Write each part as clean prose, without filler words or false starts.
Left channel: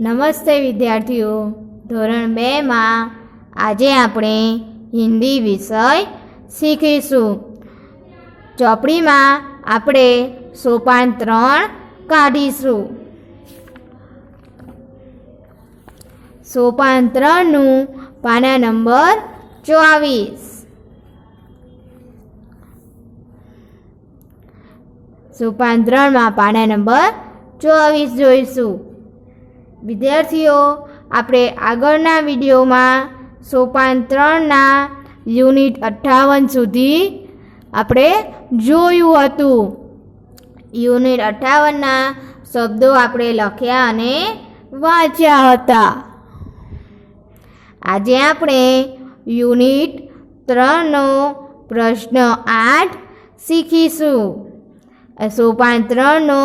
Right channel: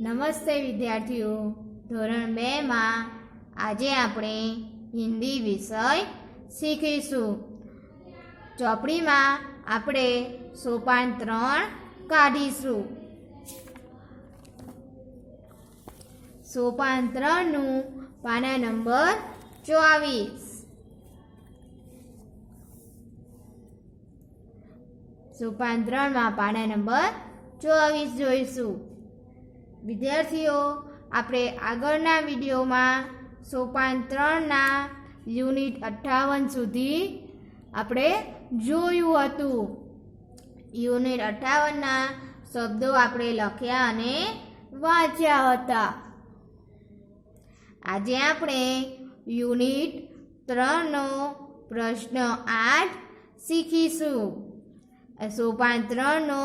નમસ્તે વિદ્યાર્થીઓ, ધોરણ 2 માં આજે આપણે હિન્દી વિષય શીખીશું. ચોપડીમાં આપણે સોપાન 3 કાઢીશું. સોપાન 3નું પાના નંબર 24. સોપાન 3માં પાના નંબર 24 જોઈશું. વિદ્યાર્થીઓ, આપણે આગળના વિડીયોમાં સોપાન 3ના યુનિટ 58 સુધી આપણે જોયું હતું. યુનિટ 58ના શબ્દો આપણે લખ્યા અને વાંચ્યા હતા. આજે આપણે યુનિટ 3નો પ્રશ્ન 8 શીખીશું. સોપાન 3નો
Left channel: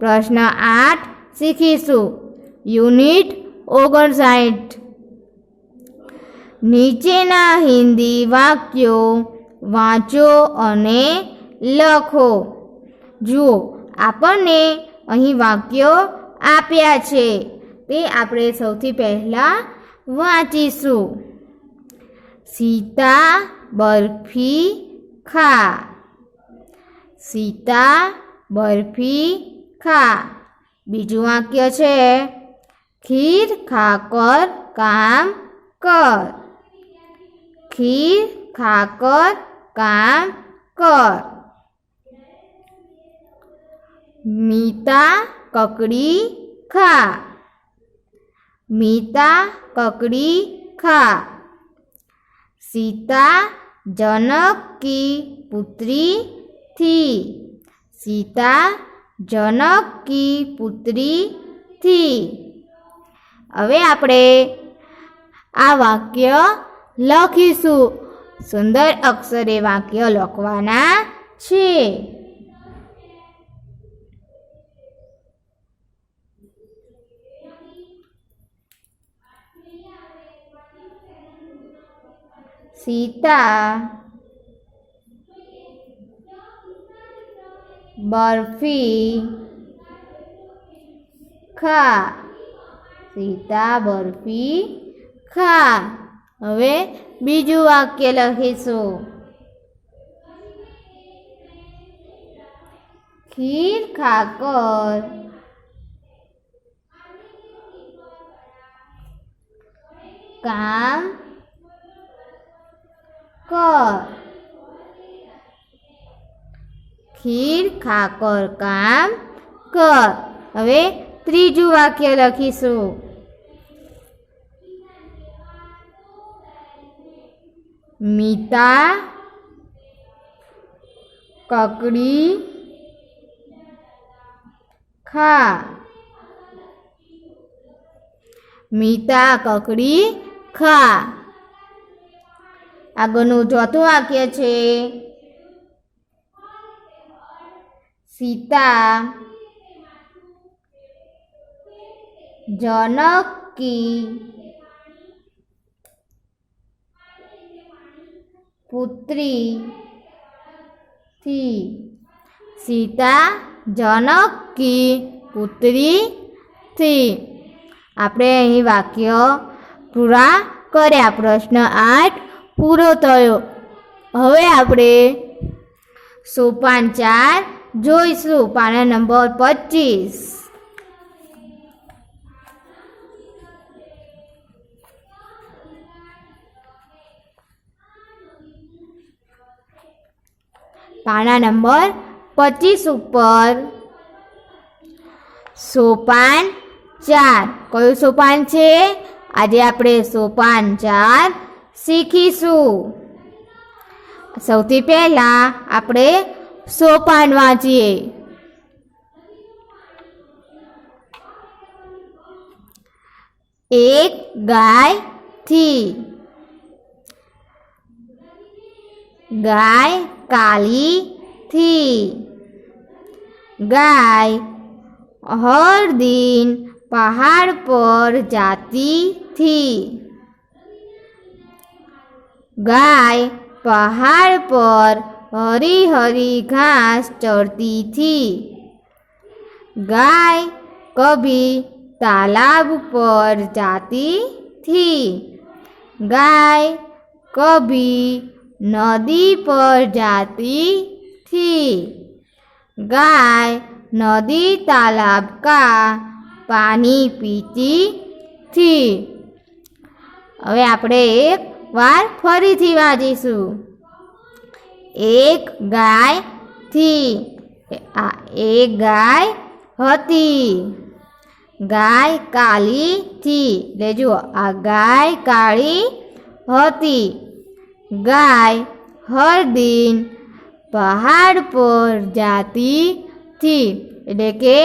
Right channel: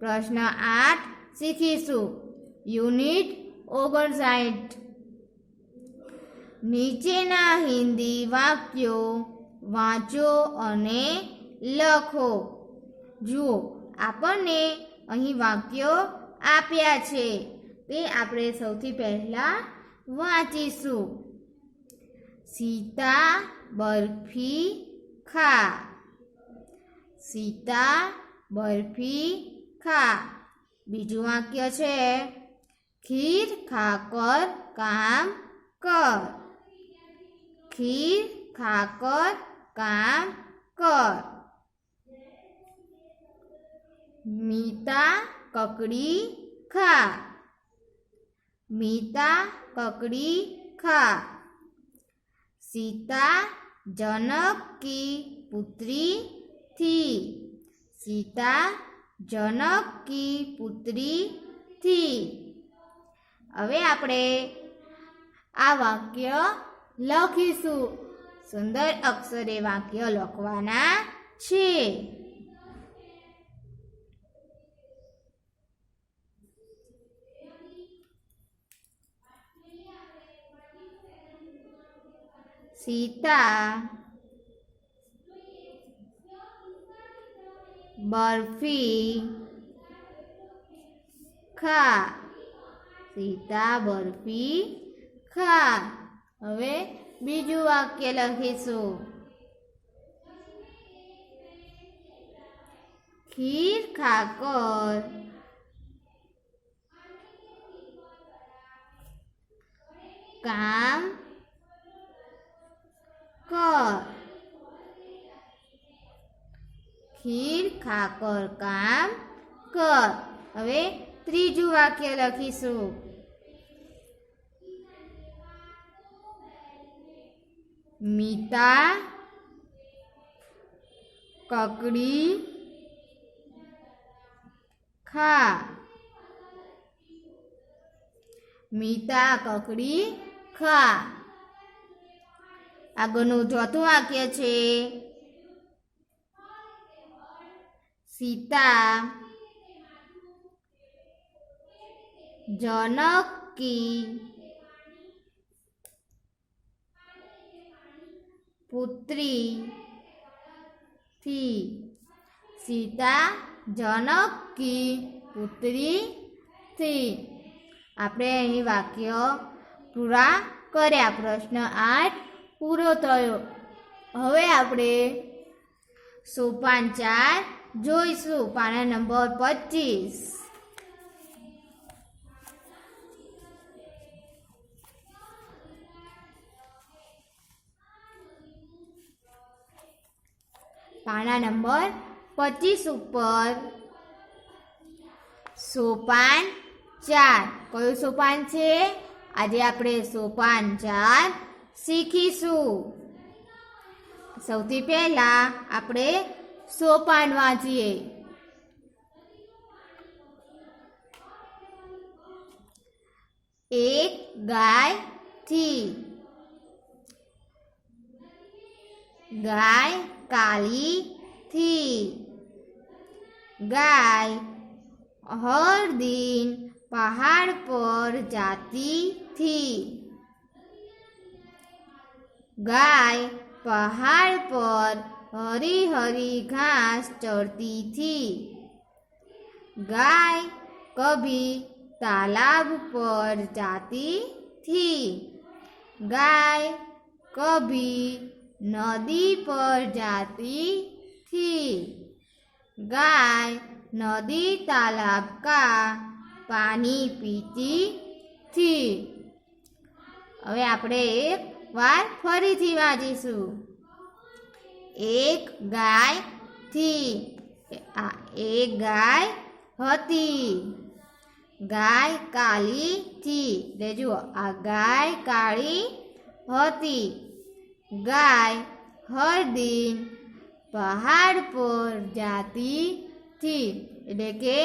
પ્રશ્ન 8 શીખીશું. યુનિટ 59. નીચેના હિન્દી વાક્યો વાંચો અને લખો. જુઓ, આપણને અહીં વાક્યો આપ્યા છે, તે આપણે સૌથી પહેલાં વાંચીશું. સીતા બરફી ખા. સીતા બરફી ખા. બીજું વાક્ય છે ખીર ખાકર કામ કર. ખીર ખાકર કામ કર. મીતા કકડી ખા. મીતા કકડી ખા. सीता जनक की पुत्री थी. सीता जनक की पुत्री थी. હવે આપણે આ વાક્ય લખીશું. સુંદર અક્ષરે વાક્ય લખવાના છે. सीता बर्फी खा. सीता बर्फी खा. હવે બીજું વાક્ય લખીશું. ખીર ખાકર કામ કર. ખીર ખાકર કામ કર. હવે ત્રીજું વાક્ય લખીશું. મીતા કકડી ખા. મીતા કકડી ખા. આગળનું ચોથું વાક્ય છે सीता जनक की पुत्री थी. सीता जनक की पुत्री थी. આપણે અહીં વાક્ય પૂરા કર્યા. પ્રશ્ન 8 પૂરો થયો. હવે આપણે સોપાન 4 જોઈશું. પાના નંબર 25. પાના નંબર 25 ઉપર સોપાન 4. કયું સોપાન છે? આજે આપણે સોપાન 4 શીખીશું. સૌથી પહેલા આપણે સોપાન વાંચીએ. એક ગાય थी. गाय काली थी. गाय हर दिन पहाड़ पर जाती थी. गाय पहाड़ पर हरी हरी घास चरती थी. गाय कभी तालाब पर जाती थी। गाय कभी नदी पर जाती थी। गाय नदी तालाब का पानी पीती थी। હવે આપણે એક વાર ફરીથી વાંચીશું। એક ગાય थी, एक गाय હતી। गाय काली थी, ले जुओ आ गाय काली હતી। गाय हर दिन पहाड़ पर जाती थी, એટલે કે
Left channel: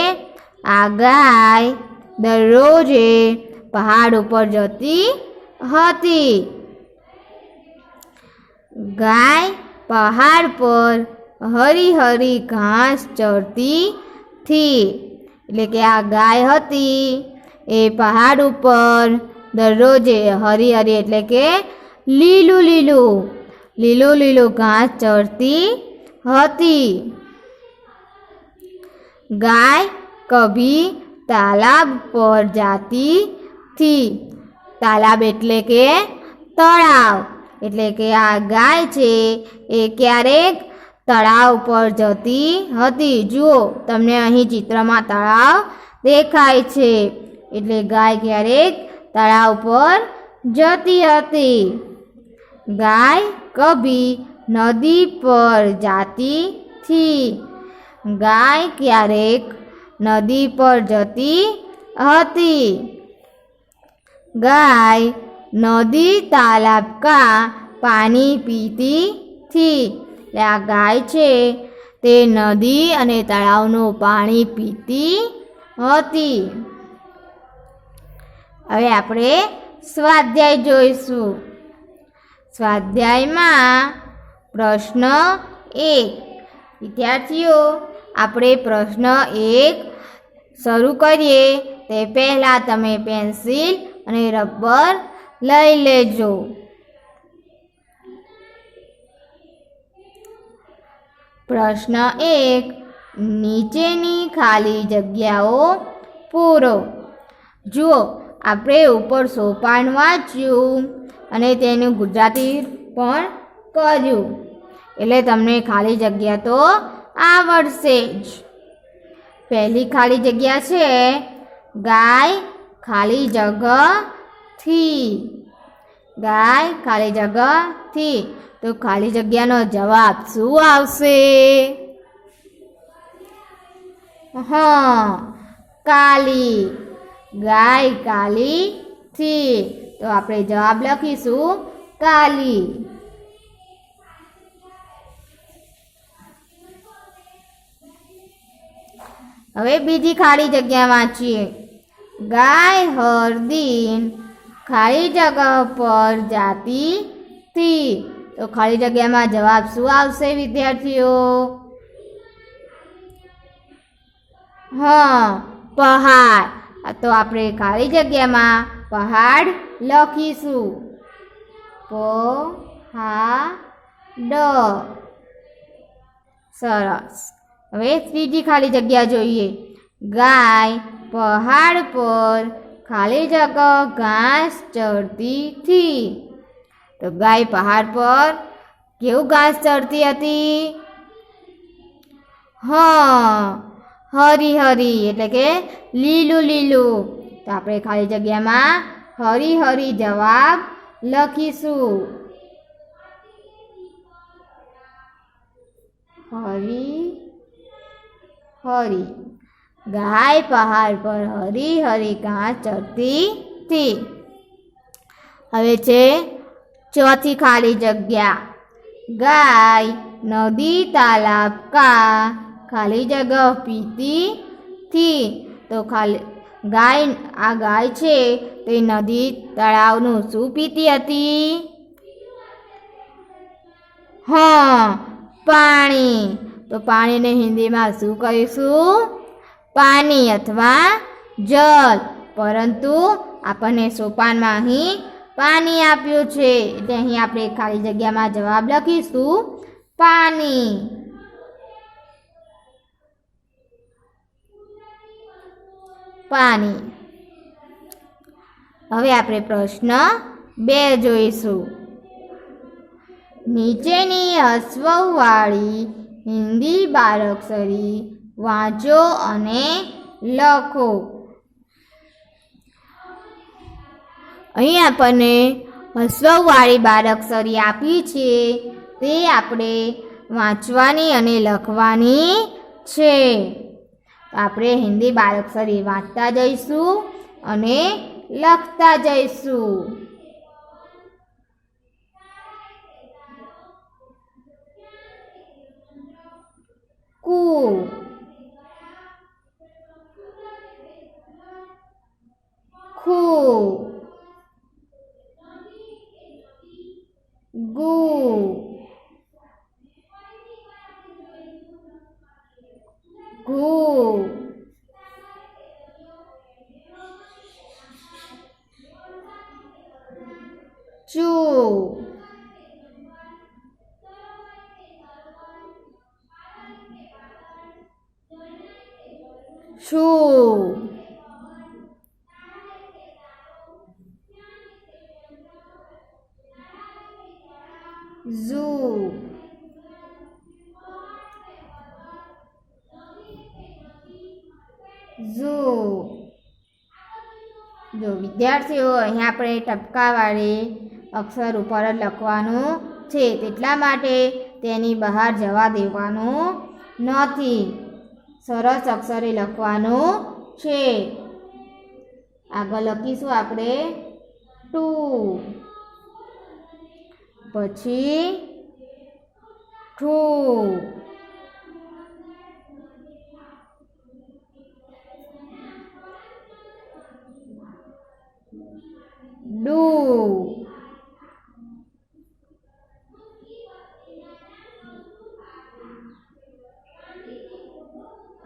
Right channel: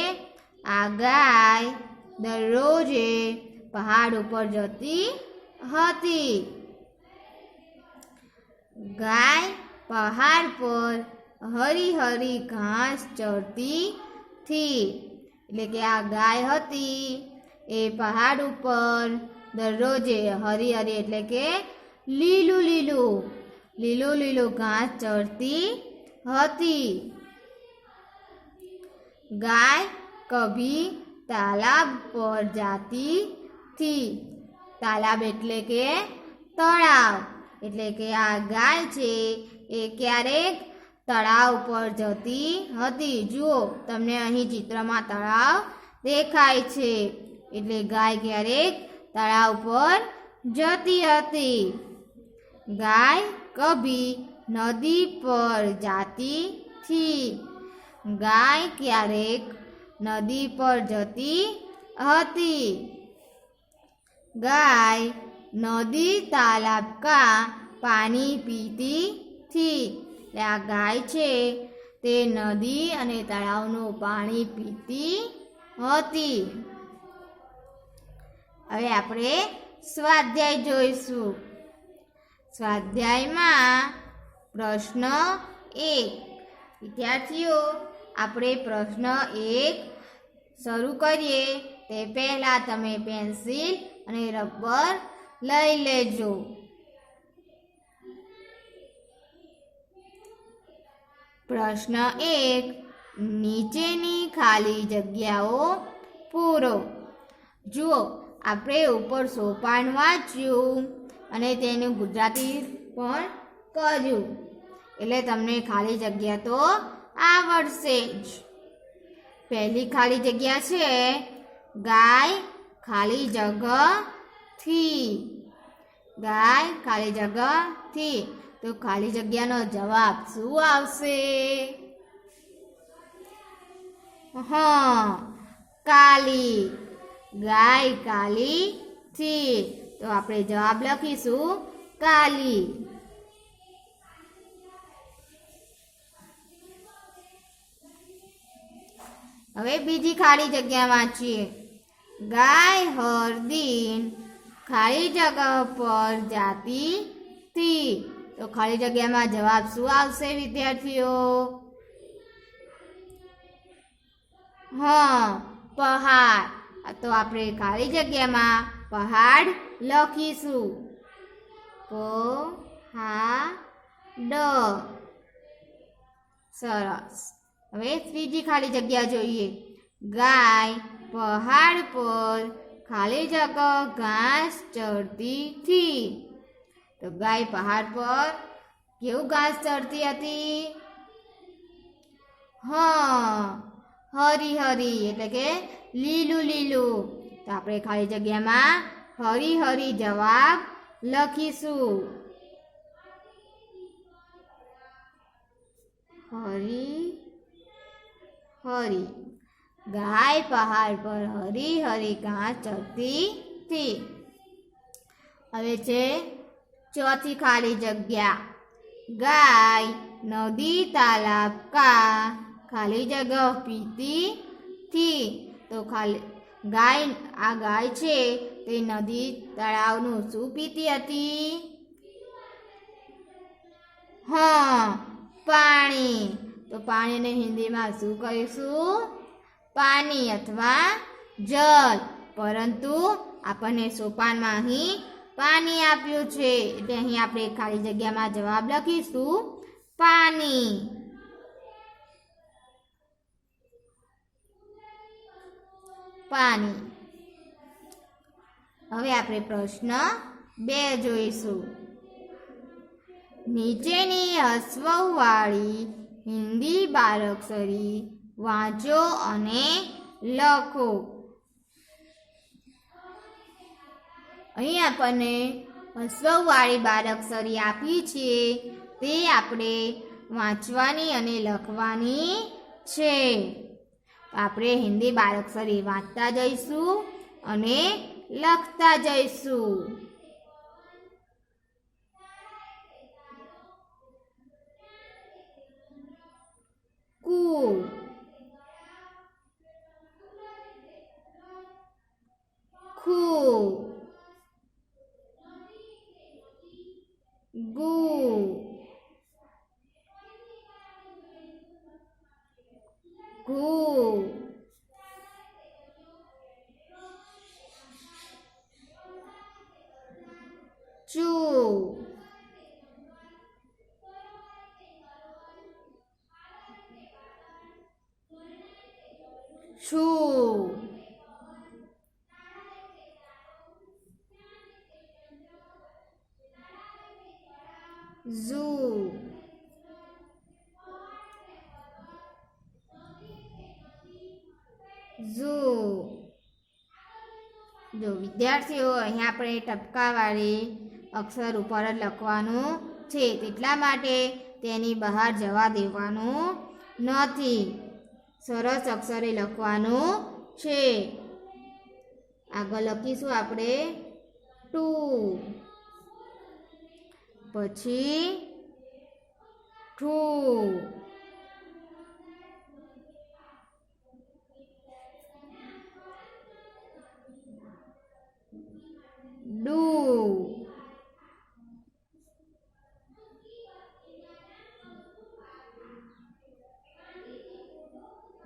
આ ગાય દરરોજે પહાડ ઉપર જતી હતી। गाय पहाड़ पर हरी हरी घास चरती थी, એટલે કે આ ગાય હતી એ પહાડ ઉપર દરરોજે હરી હરી એટલે કે લીલું લીલું લીલું લીલું ઘાસ ચરતી હતી। गाय कभी तालाब पर जाती थी, तालाब એટલે કે તળાવ, એટલે કે આ ગાય છે એ ક્યારેક તળાવ પર જતી હતી। જુઓ તમને અહીં ચિત્રમાં તળાવ દેખાય છે, એટલે ગાય ક્યારેક તળાવ પર જતી હતી। गाय कभी नदी पर जाती थी, गाय क्यारेक नदी पर जती हती। गाय नदी तालाब का पानी पीती थी, आ गाय छे ते नदी अने तळावनुं पाणी पीती हती। हवे आपणे स्वाध्याय जोईशुं। स्वाध्यायमां प्रश्न 1। विद्यार्थीओ આપણે પ્રશ્ન 1 શરૂ કરીએ તે પહેલાં તમે પેન્સિલ અને રબર લઈ લેજો। પ્રશ્ન 1, નીચેની ખાલી જગ્યાઓ પૂરો। જુઓ આપણે ઉપર સોપાન વાંચ્યું અને તેનું ગુજરાતી પણ કર્યું, એટલે તમને ખાલી જગ્યા તો આવડશે જ। પહેલી ખાલી જગ્યા છે ગાય ખાલી જગ્યા थी, गाय खाली जगह थी, तो खाली जग्यानो जवाब शुं आवशे? हाँ, काली। गाय काली थी, तो आपणे जवाब लखीशुं काली। हवे बीजी खाली जग्या वांचीए। गाय हर दिन खाली जगह पर जाती थी, तो खाली जग्या में जवाब शुं आवशे विद्यार्थीओ? हाँ, पहाड़। तो आपणे खाली जग्या में पहाड़ लखीशुं। पहाड़। सरस। हवे त्रीजी खाली जग्या जोईए। गाय पहाड़ पर खाली जगह घास चरती थी, तो गाय पहाड़ पर केवुं घास चरती हती? हाँ, हरी हरी एटले के लीलू लीलू। तो आपणे खाली जग्या में हरी हरी जवाब लखीशुं। हरी हरी। गाय पहाड़ पर हरी हरी घास चरती थी। हवे छे चौथी खाली जग्या। गाय नदी तालाब का खाली जगह पीती थी, तो खाली गाय आ गाय छे ते नदी तळावनुं शुं पीती हती? हाँ, पाणी। तो पाणी ने हिंदी में शुं कहीशुं? पानी अथवा जल। परंतु आपणे सोपान में अहीं पानी आप्युं छे, એટલે અહીં આપણે ખાલી જગ્યામાં જવાબ લખીશું પાણી। पानी। હવે આપણે પ્રશ્ન 2 જોઈશું. નીચેની હસ્વવાળી હિન્દી બારાક્ષરી વાંચો અને લખો. અહીં આપણને હસ્વવાળી બારાક્ષરી આપી છે, તે આપણે વાંચવાની અને લખવાની છે. તો આપણે હિન્દી બારાક્ષરી વાંચતા જઈશું અને લખતા જઈશું. કુ, ખુ, ગુ, ઘુ, ચુ, છું, ઝુ. જો વિદ્યાર્થીઓ, અહીંયા આપણે ટપકાવાળી અક્ષર ઉપર જ લખવાનું છે, તેટલા માટે તેની બહાર જવા દેવાનું નથી. સરસ અક્ષરે લખવાનું છે. આગળ લખીશું આપણે ટુ, પછી ઠુ, ડુ,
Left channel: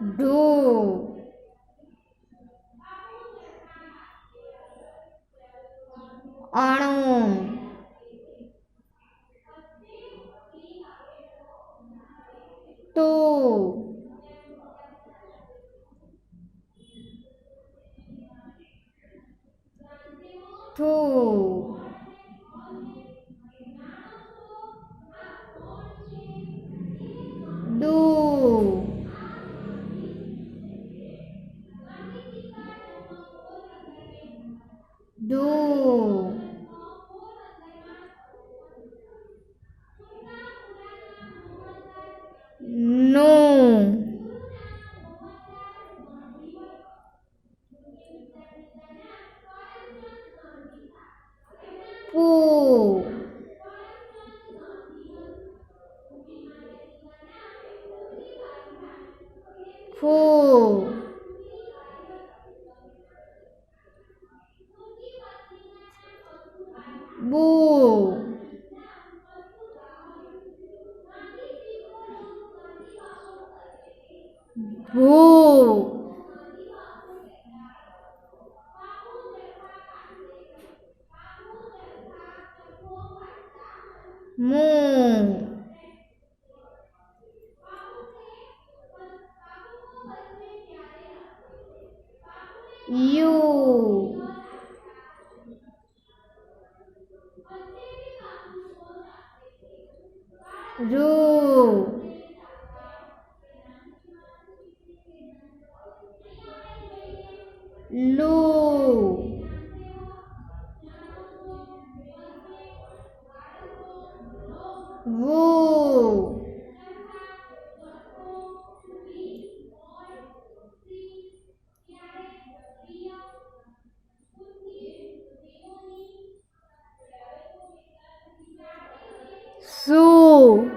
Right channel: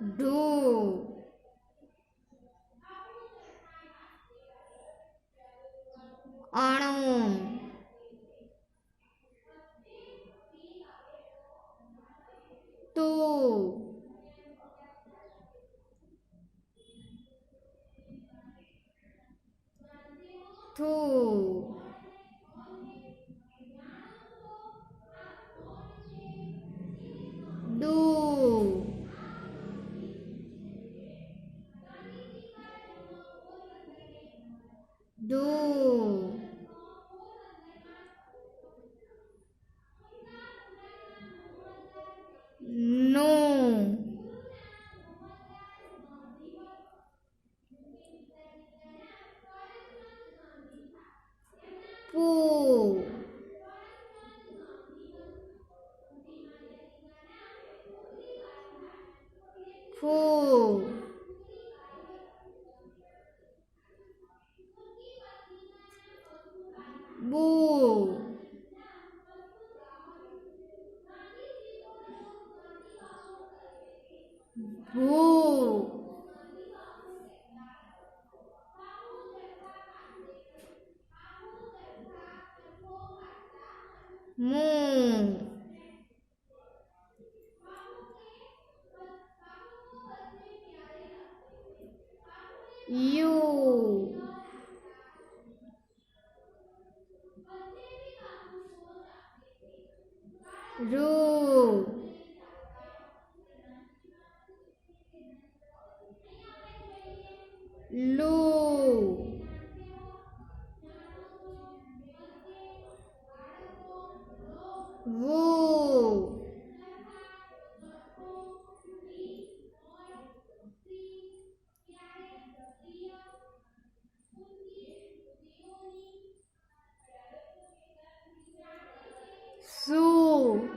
ઢુ, અણુ, તુ, થુ, ડુ, ડુ, નું, પુ, ફુ, બુ, ભૂ, મું, યુ, ઋ, લું, વું, શું,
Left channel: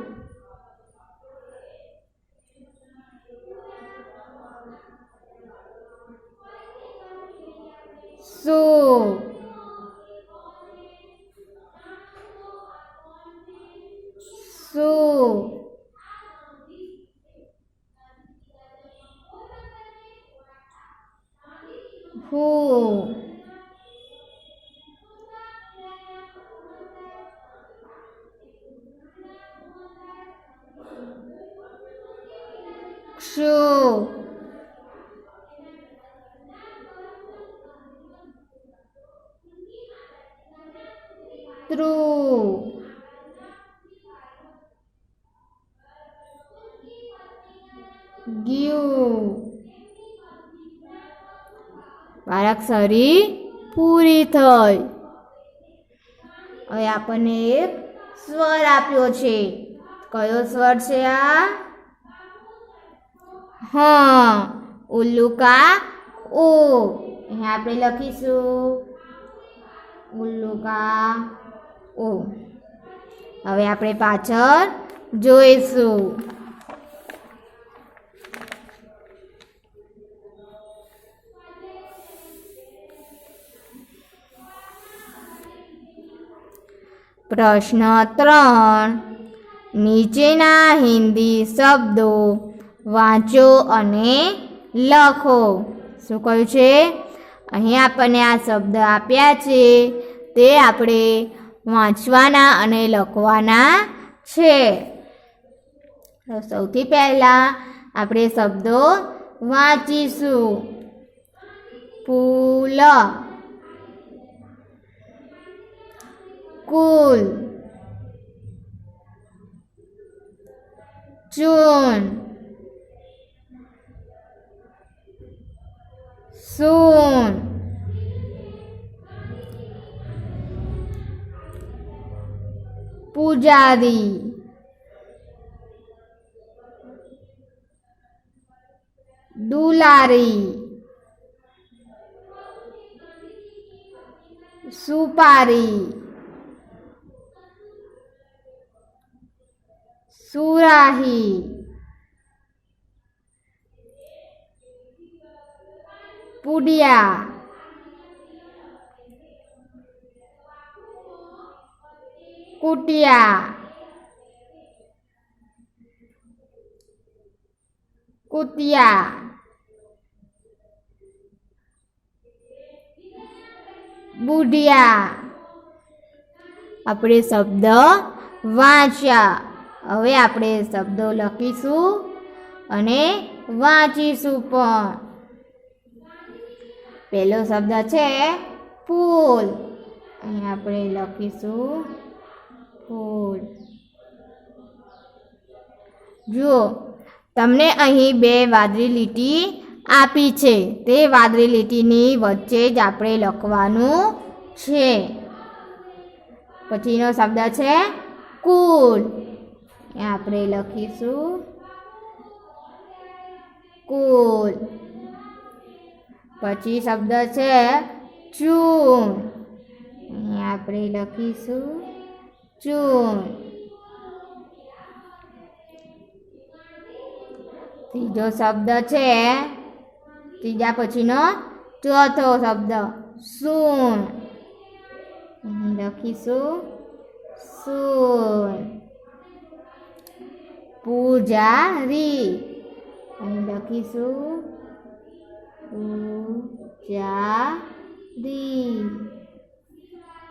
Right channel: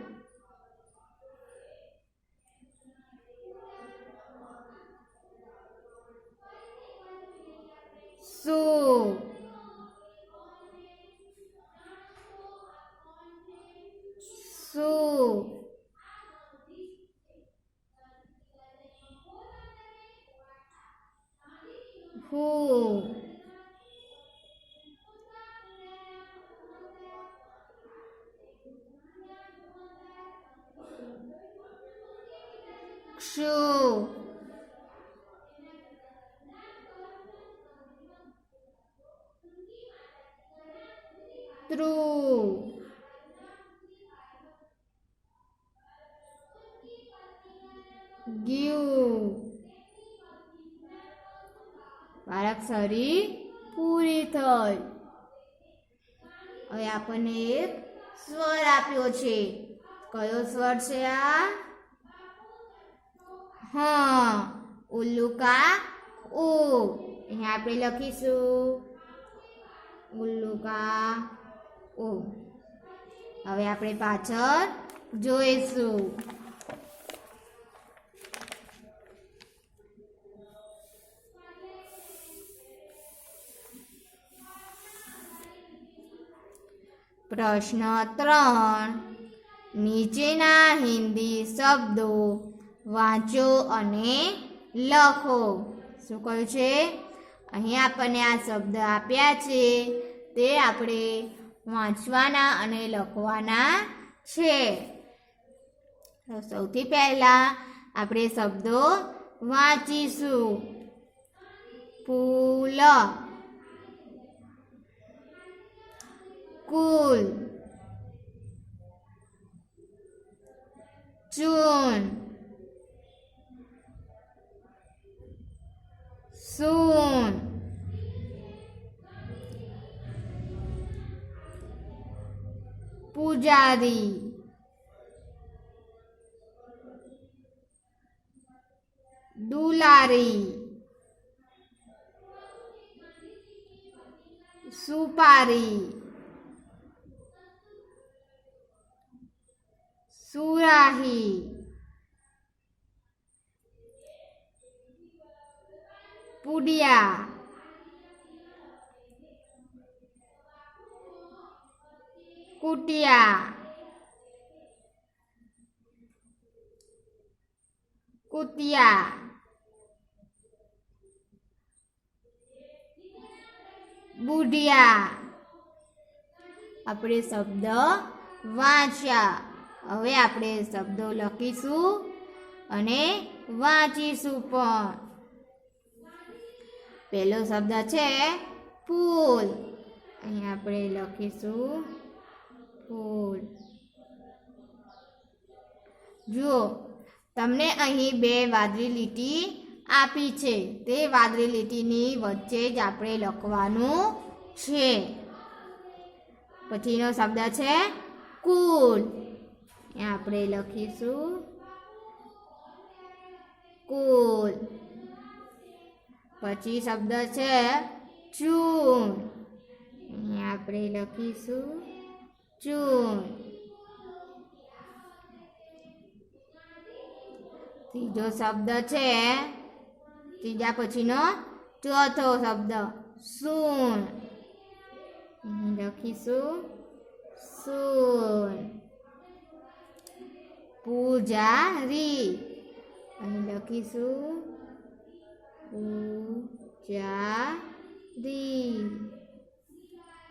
શું, શું, હું, ક્ષુ, ત્રુ ગ્યુ બારાક્ષરી પૂરી થઈ. હવે આપણને એક સ્વર આપ્યો છે. કયો સ્વર છે આ? હા, ઉલ્લુકા ઓ. અહીંયા આપણે લખીશું ઉલ્લુકા ઓ. હવે આપણે પાછળ જોઈશું. પ્રશ્ન 3. નીચેના હિન્દી શબ્દો વાંચો અને લખો. શું કહ્યું છે? અહીં આપણને આ શબ્દ આપ્યા છે, તે આપણે વાંચવાના અને લખવાના છે. તો સૌથી પહેલાં આપણે શબ્દો વાંચીશું. ફૂલ, કુલ, ચૂન, સૂન, પૂજારી, દુલારી, સુપારી, સુરાહી, પુડિયા, કુટિયા, કુતિયા, બુઢિયા. આપણે શબ્દ વાંચ્યા. હવે આપણે શબ્દો લખીશું અને વાંચીશું પણ. પહેલો શબ્દ છે ફૂલ. અહીં આપણે લખીશું ફૂલ. જુઓ, તમને અહીં 2 વાદળી લીટી આપી છે. તે વાદળી લીટીની વચ્ચે જ આપણે લખવાનું છે. પછીનો શબ્દ છે કુલ. આપણે લખીશું કુલ. પછી શબ્દ છે ચૂન. આપણે લખીશું ચૂન. ત્રીજો શબ્દ છે, ત્રીજા પછીનો ચોથો શબ્દ સૂન. લખીશું સૂન. પૂજારી. અહીં લખીશું પૂજારી.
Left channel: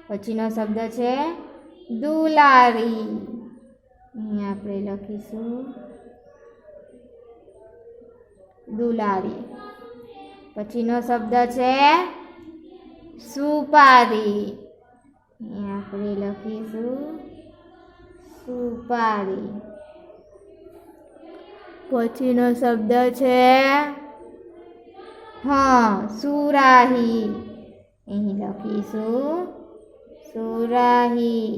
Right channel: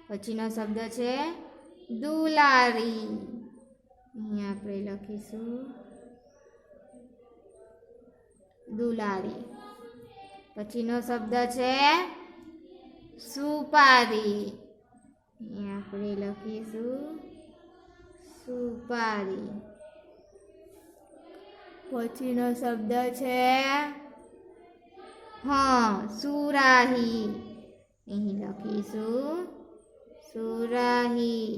પછીનો શબ્દ છે દુલારી. અહીં આપણે લખીશું દુલારી. પછીનો શબ્દ છે સુપારી. અહીં આપણે લખીશું સુપારી. પછીનો શબ્દ છે સુરાહી. અહીં લખીશું સુરાહી.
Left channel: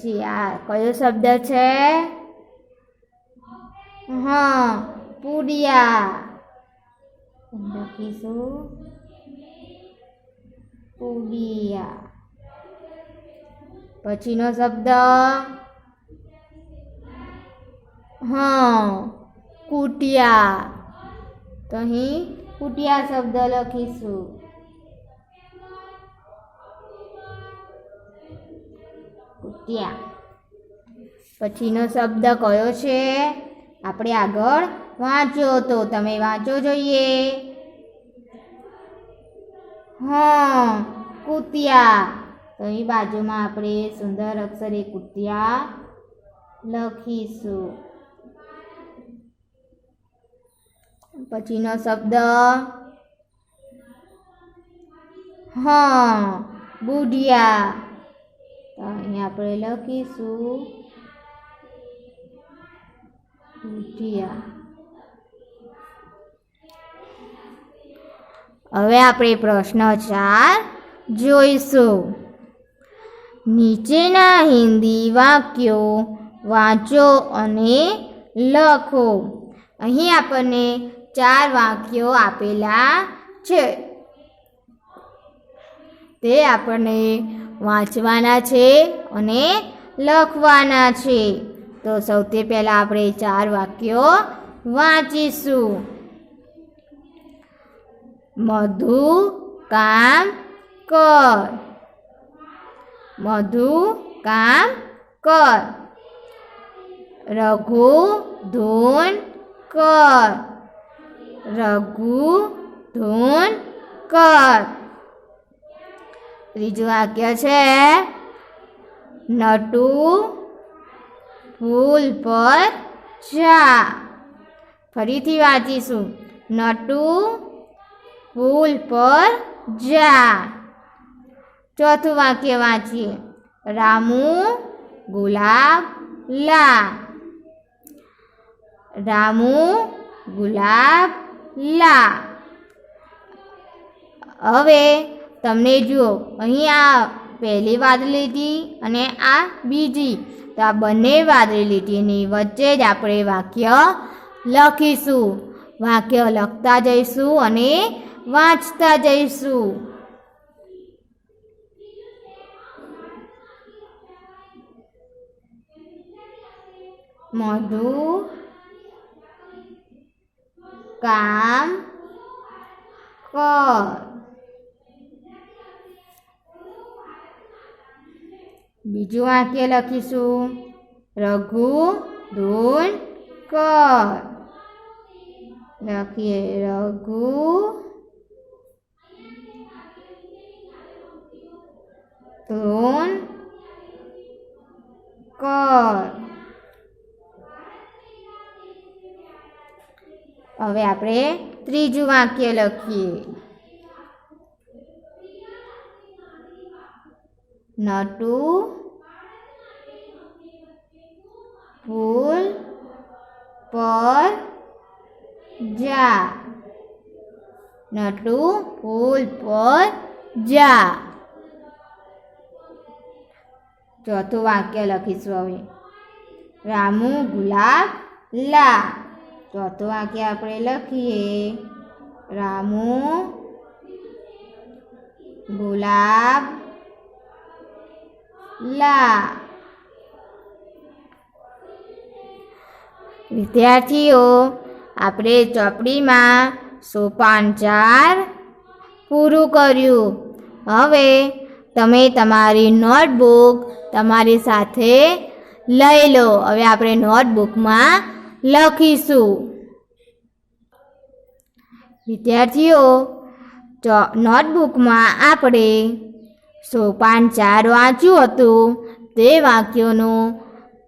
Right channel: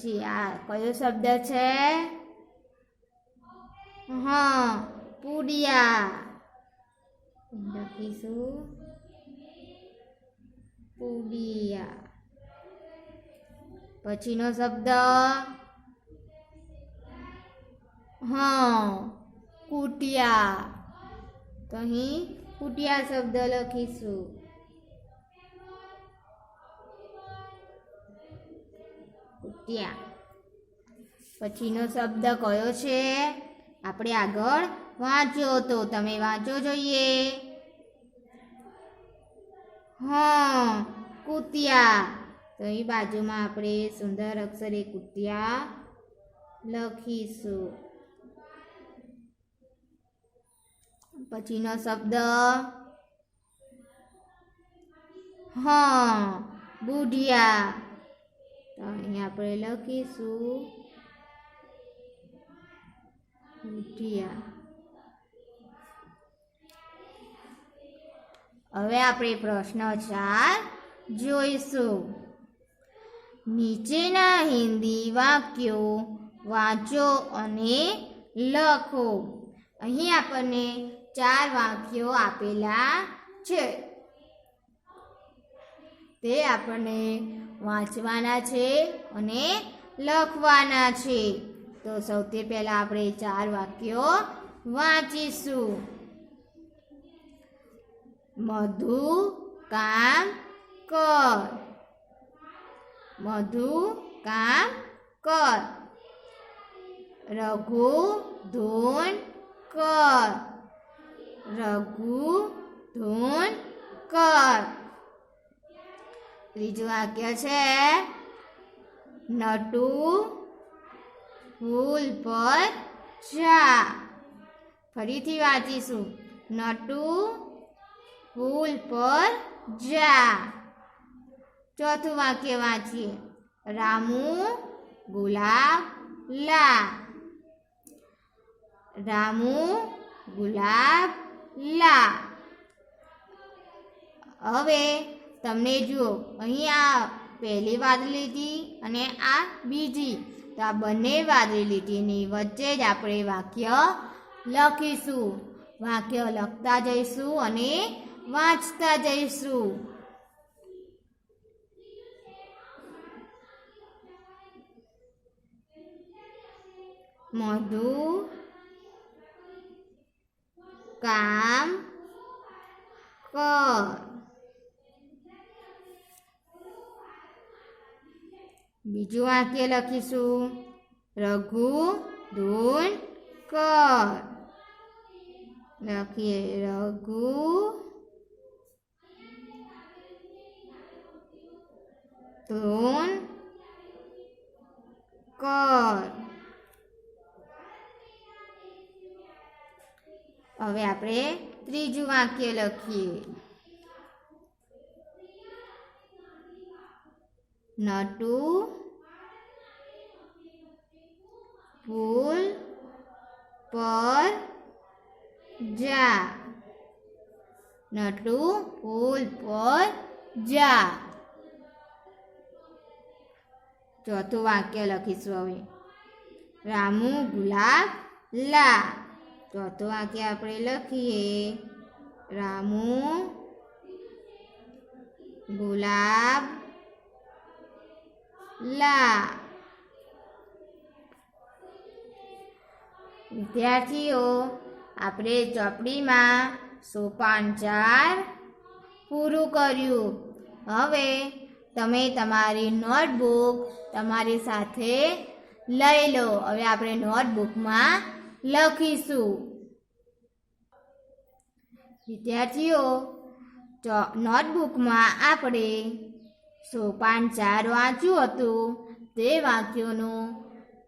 જી, આ કયો શબ્દ છે? પુડિયા. લખીશું પુડિયા. પછીનો શબ્દ કુટિયા. તો અહીં કુટિયા શબ્દ લખીશું. કુટિયા. પછીનો શબ્દ કયો છે? આપણે આગળ વાંચ્યો તો તમે વાંચો જોઈએ. કુતિયા. તો અહીં બાજુમાં આપણે સુંદર અક્ષરે કુતિયા લખીશું. પછીનો શબ્દ બુઢિયા. તો અહીંયા આપણે લખીશું બુઢિયા. હવે આપણે પ્રશ્ન 4 જોઈશું. નીચેના હિન્દી વાક્યો વાંચો અને લખો. અહીં આપણને 4 વાક્યો આપેલા છે, તે આપણને વાંચવાના છે અને લખવાના છે. તો સૌથી પહેલાં આપણે 4 વાક્યો વાંચીશું. મધુ કામ કર. મધુ કામ કર. રઘુ ધૂન કર. રઘુ ધૂન કર. ત્રીજું વાક્ય છે નટુ ફૂલ પર જા. ફરીથી વાંચીશું. નટુ ફૂલ પર જા. ચોથું વાક્ય વાંચીએ. રામુ ગુલાબ લા. રામુ ગુલાબ લા. હવે તમને જુઓ, અહીં આ પહેલી વાદળી લીટી અને આ બીજી, તો આ બંને વાદળી લીટીની વચ્ચે જ આપણે વાક્ય લખીશું. વાક્ય લખતા જઈશું અને વાંચતા જઈશું. મધુ કામ કર. બીજું વાક્ય લખીશું. રઘુ ધૂન કર. લખીએ રઘુ ધૂન કર. હવે આપણે ત્રીજું વાક્ય લખીએ. નટુ ફૂલ પર જા. નટુ ફૂલ પર જા. ચોથું વાક્ય લખીશું. હવે રામુ ગુલાબ લા. ચોથું વાક્ય આપણે લખીએ. રામુ ગુલાબ લા. વિદ્યાર્થીઓ, આપણે ચોપડીમાં સોપાન 4 પૂરું કર્યું. હવે તમે તમારી નોટબુક તમારી સાથે લઈ લો. હવે આપણે નોટબુકમાં લખીશું. વિદ્યાર્થીઓ, નોટબુકમાં આપણે સોપાન 4 વાંચ્યું હતું, તે વાક્યોનું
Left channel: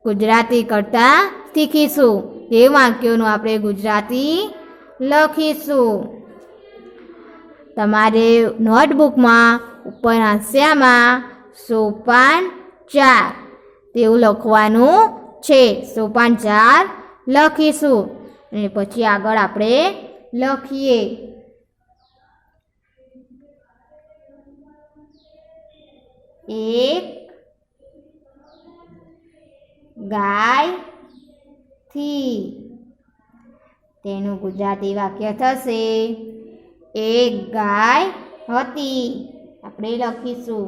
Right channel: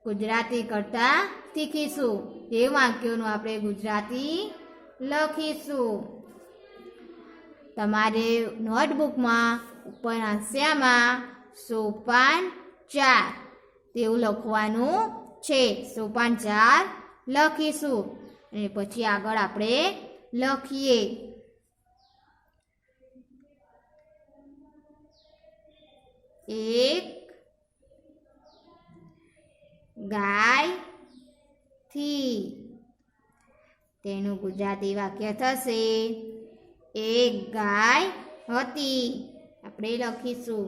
ગુજરાતી કરતાં શીખીશું. તે વાક્યોનું આપણે ગુજરાતી લખીશું. તમારે નોટબુકમાં ઉપર હાંસિયામાં સોપાન 4 તેવું લખવાનું છે. સોપાન 4 લખીશું અને પછી આગળ આપણે લખીએ. એક ગાય થી. તેનું ગુજરાતી વાક્ય થશે એક ગાય હતી. આપણે લખીશું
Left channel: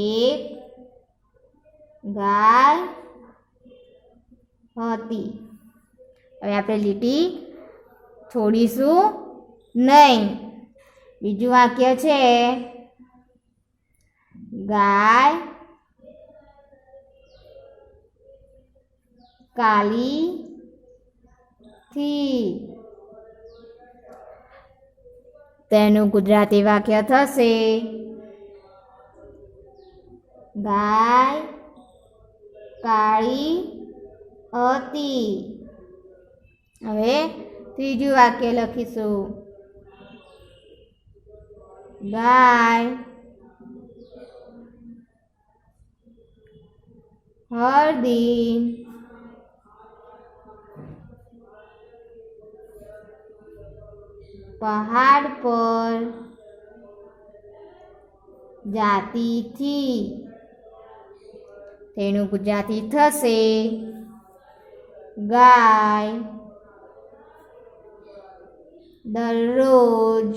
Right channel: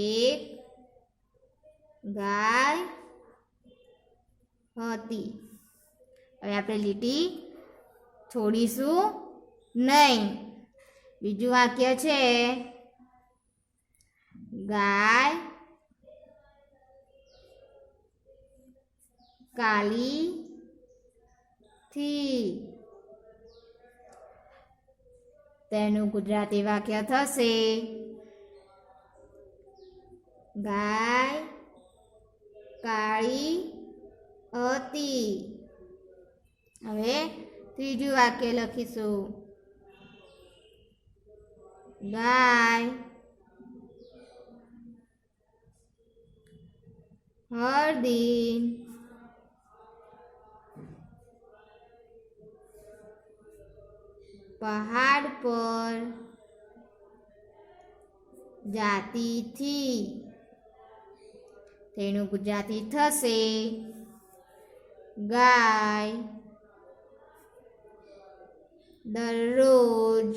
એક ગાય હતી. હવે આપણે લીટી છોડીશું નહીં. બીજું વાક્ય છે ગાય કાલી થી. તેનું ગુજરાતી વાક્ય થશે ગાય કાળી હતી. હવે ત્રીજું વાક્ય લખીશું ગાય હળદી, પહાડ પર જાતી થી, તેનું ગુજરાતી થશે ગાય દરરોજ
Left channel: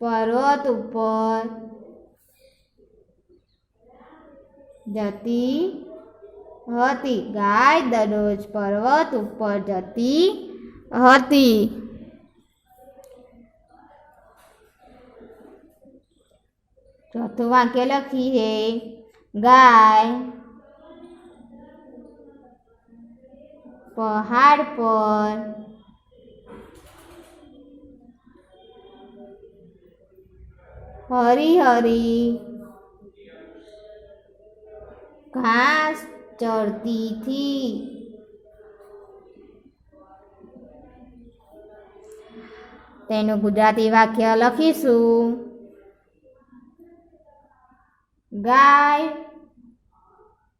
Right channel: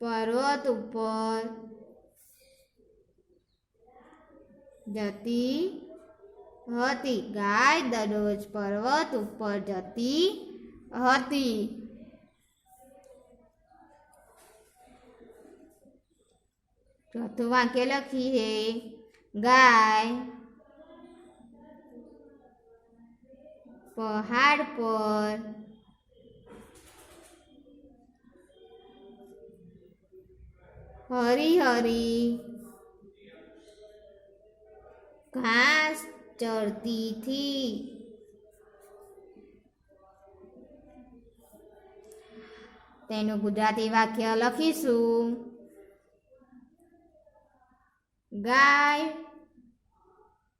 પર્વત ઉપર જતી હતી. ગાય દરરોજ પર્વત ઉપર જતી હતી. ચોથું વાક્ય લખીએ. ગાય પહાડ પર હરી હરી ઘાસ ચરતી થી. તેનું ગુજરાતી વાક્ય લખીશું. ગાય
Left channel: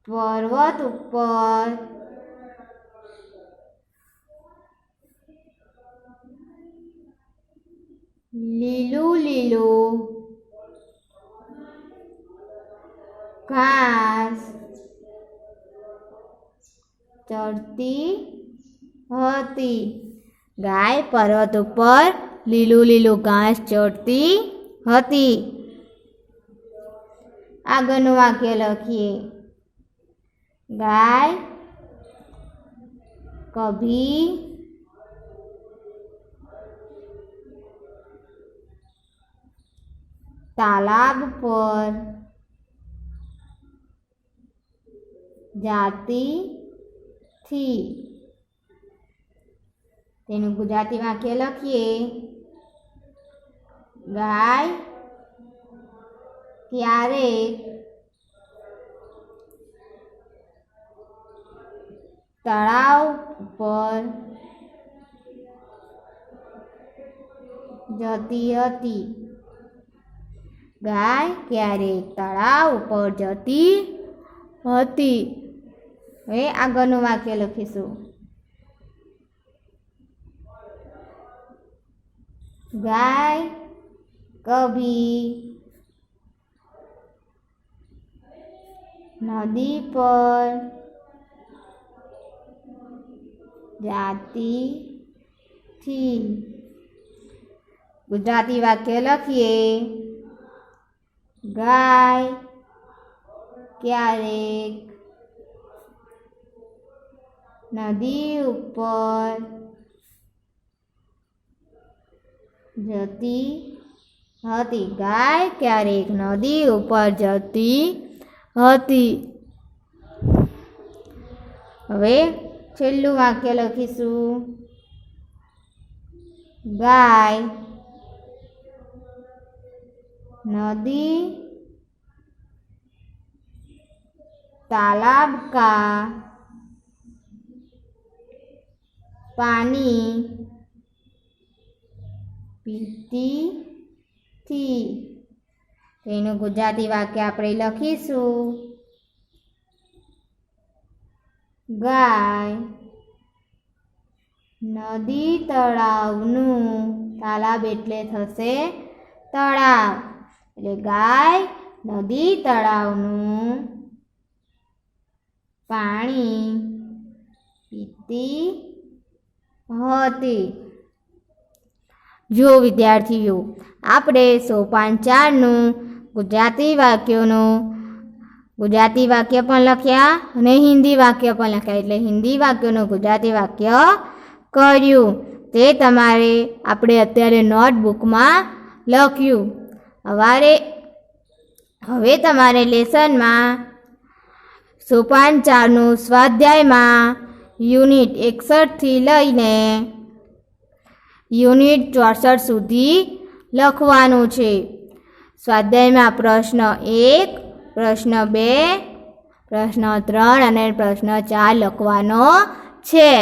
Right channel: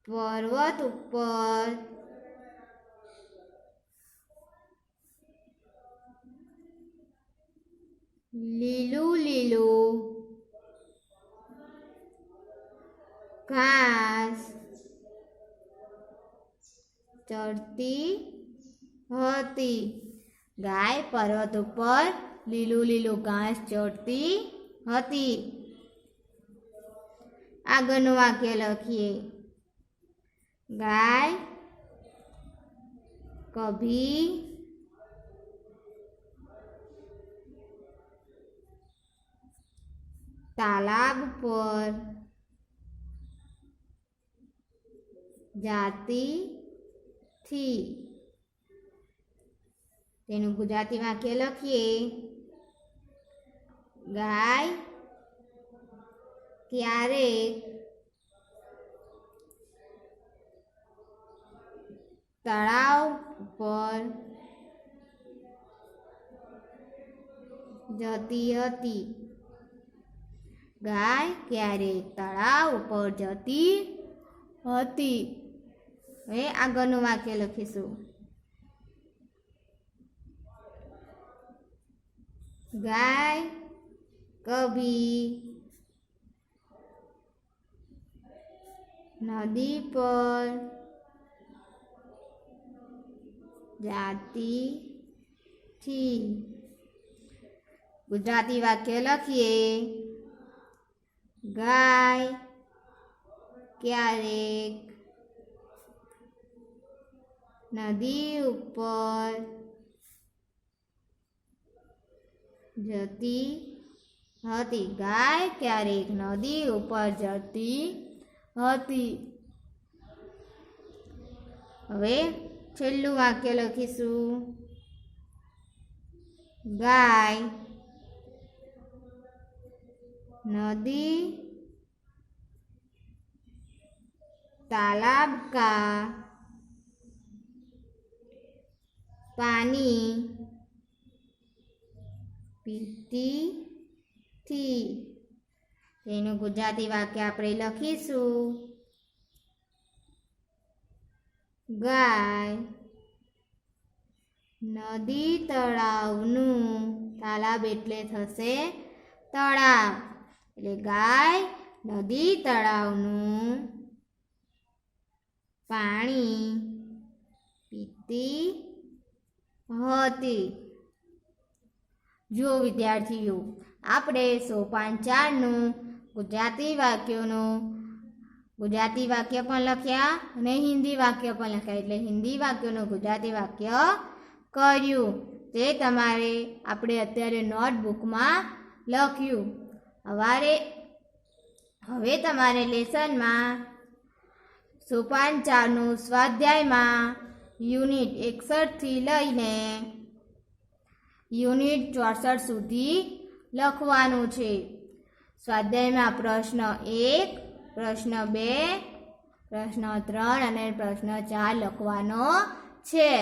પર્વત ઉપર લીલું લીલું ઘાસ ચરતી હતી. ગાય પર્વત ઉપર લીલું લીલું ઘાસ ચરતી હતી. આગળનું વાક્ય લખીએ. ગાય કભી તાલાબ પર જાતી થી. તેનું ગુજરાતી વાક્ય લખીએ. ગાય ક્યારેક તળાવ પર જતી હતી. ગાય ક્યારેક તળાવ ઉપર જતી હતી. હવે આગળનું વાક્ય લખીશું. ગાય કભી નદી પર જાતી થી. ગુજરાતી વાક્ય લખીએ. ગાય ક્યારેક નદી ઉપર જતી હતી. ગાય ક્યારેક નદી ઉપર જતી હતી. હવે છેલ્લું વાક્ય લખીશું. ગાય नदी तालाब का पानी पीती थी. तेनु गुजराती वाक्य आपणे लखीशुं. गाय नदी तळावनुं, तालाब एटले थशे तळाव, એટલે ગાય નદી તળાવનું પાણી પીતી હતી. જો વિદ્યાર્થીઓ, આપણે સોપાન 4નું ગુજરાતી વાક્ય પણ લખ્યા અને હિન્દી વાક્ય પણ લખ્યા. એટલે હિન્દી વાક્યનું ગુજરાતી વાક્ય કર્યું. તે તમારે આપણે અત્યારે નોટબુકમાં લખ્યું. હવે તમારે લેસનમાં સોપાન 4નું સ્વાધ્યાયમાં યુનિટ 61થી લઈને યુનિટ 64 સુધી લખવાનું છે. સ્વાધ્યાયમાં પ્રશ્ન 1, પ્રશ્ન 2, પ્રશ્ન 3 અને પ્રશ્ન 4 લખવાનો છે.